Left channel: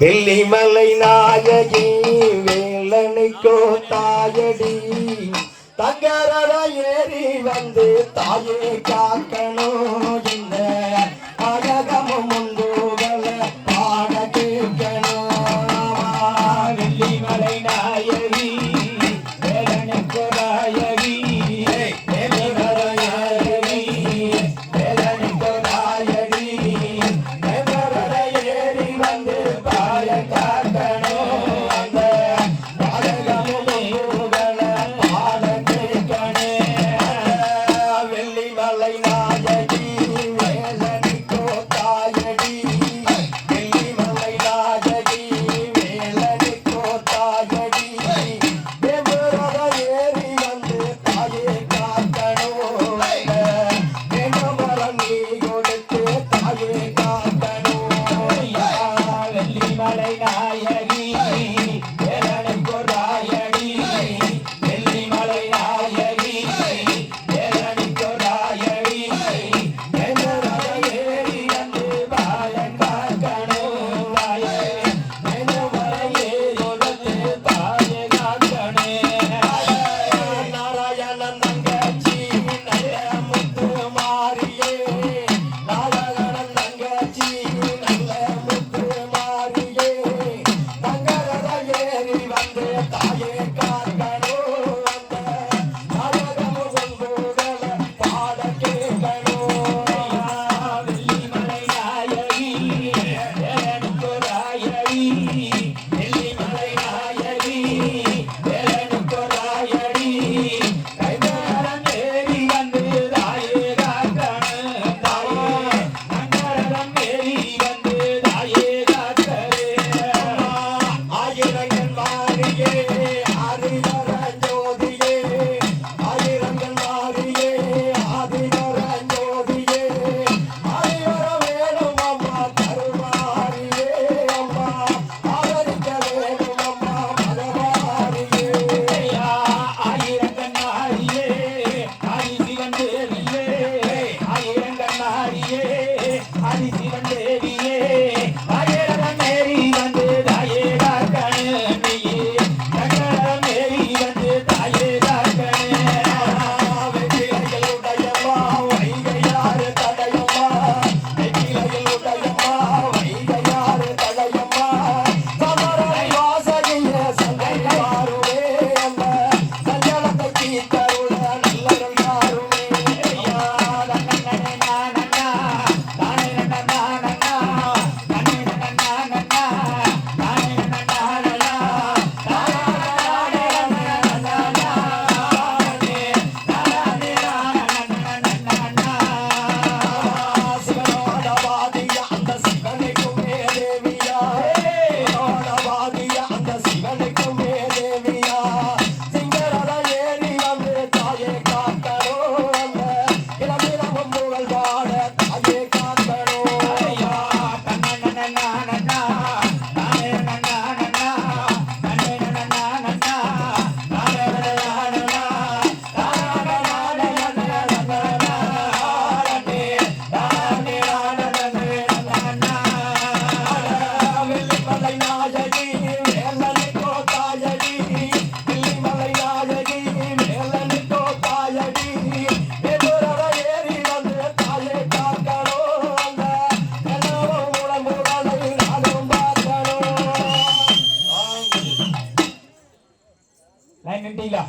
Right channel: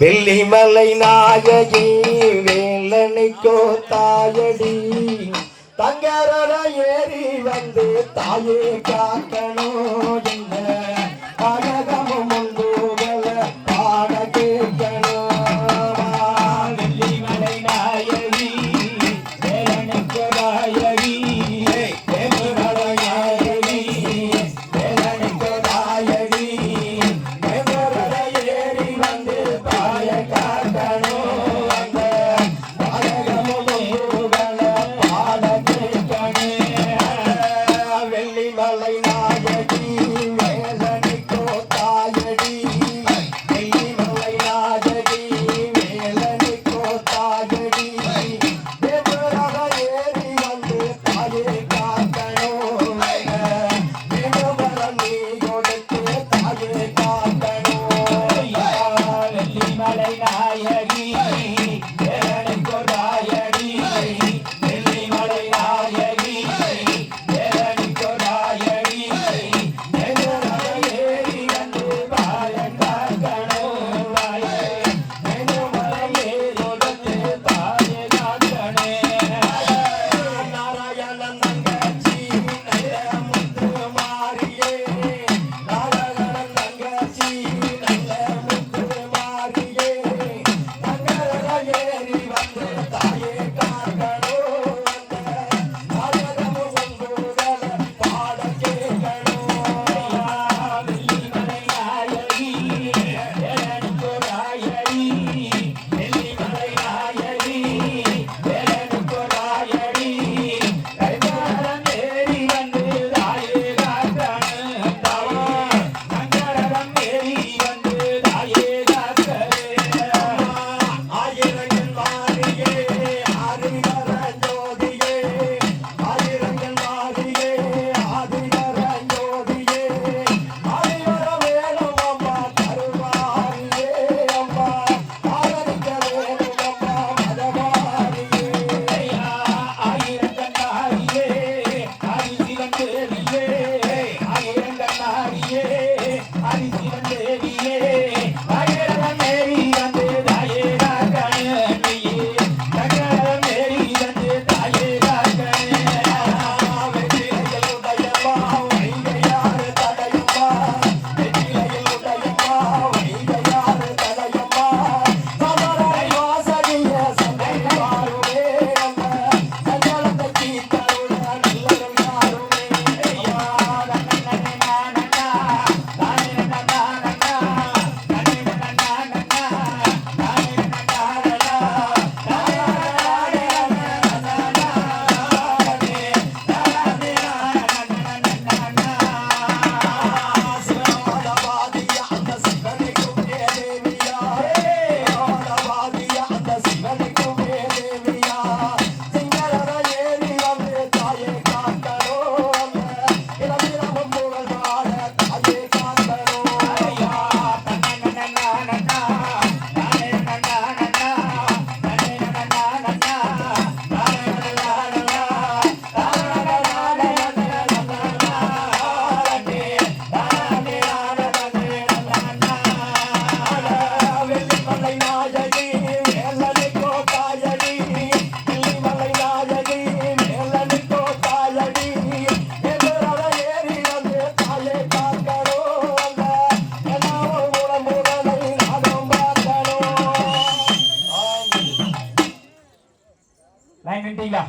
வெள்ளிமலை நாயகி வேலனைக்கோ தாயடி தங்கரத ஏறி வந்து தாயே காக்கணும் என்ன அழகமும் முந்துகள பாட கேட்கணும். வெள்ளிமலை நாயகி வேலனைக்கோ நாயகி வெள்ளிமலை நாயகி வேலனைக்கோ நாயகி தங்கரத ஏறி வந்து தாயே காக்கணும் என்ன அழகமும் முந்துகள பாட வெள்ளிமலை நாயகி வேலனைக்கோ தாயடி வெள்ளிமலை நாயகி வேலனைக்கோ தாயடி தேவரத ஏறி வந்து தாயே காக்கணும் வேணுமரம் நீ கொடுத்து தாயே காக்கணும். வெள்ளிமலை நாயகி வேலனைக்கோ தாயடி வெள்ளிமலை நாயகி வேலனைக்கோ தாயடி வேணுமர ஏறி வந்து பாயம் காக்கணும் வேணுமர ஏறி வந்து பாயம் காக்கணும். நாராயணன் தங்கச்சி நல்ல முத்து மாரியே நாராயணன் தங்கச்சி நல்ல முத்து மாரியே தங்கரத ஏறி வந்து தாயே காக்கணும் அழகமும் முந்துகள பாட கேட்கணும். வெள்ளிமலை நாயகி வேலனைக்கோ தாயடி வெள்ளிமலை நாயகி வேலனைக்கோ தாயடி கைதோரம் ஏறி வந்து தாயே காக்கணும் தங்கரதம் ஏறி வந்து தாயே காக்கணும். ஆயிரங்கள் மாறியே ஆதிவர ஜோதியே ஆயிரங்கள் மாறியே ஆதிவர ஜோதியே ஆதிவர வேணும் அம்மா கருமாரியே அம்மா ஆதரிக்க வேணும் அம்மா மதமாரியே ஆயிரங்கள் நாரியே ஆதிசிவன் தேவியே ஆயிரங்கள் நாரியே ஆதிசிவன் தேவியே ஆயிரம் ஏறி வந்து தாயே காக்கணும் தங்கரதம் ஏறி வந்து தாயே காக்கணும். வெற்றிலையுடையம்மா வைகையாறு தடையம்மா வெற்றிலையுடையம்மா வைகையாறு தடையம்மா சமரை வாசகிய சங்கை மாறுவே அம்மா சஞ்சலத்தை தீர்த்தருள நல்லரும் யாருமே. சிவனாடவாதிய அந்த சிவனுக்கும் தேவியா சிவனாடவாதிய அந்த சிவனுக்கும் தேவியா சிங்கரத ஏறி வந்து தாயே காக்கணும் இளமிளவும் புகழ் பாட தாயே காக்கணும். வெள்ளிமலை நாயகி வேலனைக்கோ தாயடி வெள்ளிமலை நாயகி வேலனைக்கோ தாயடி தேவரத ஏறி வந்து தாயே காக்கணும் எல்லாரும் முழமுழலை நானும் பார்க்கணும். லைன் நின்ட்டீங்களா?